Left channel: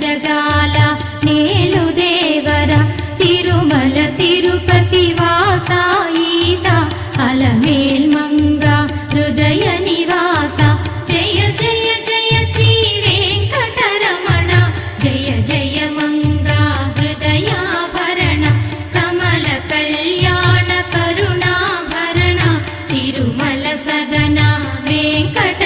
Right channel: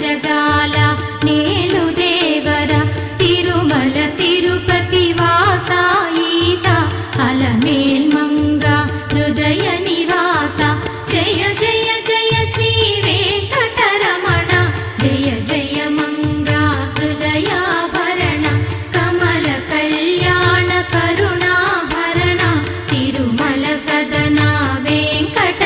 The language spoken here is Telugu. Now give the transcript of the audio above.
జగాల నేలు దేవర తిరుమల తిరుపతి వాసా ఈసా అలమేల్ మంగ హృదయ నివాస జయ జయ జయ శ్రీ వెంకటరమణ జయ జయ మంగ హృదయాభరణ కమల కళ్యాణ కరుణాభరణ తిరుమల సదన వెంకట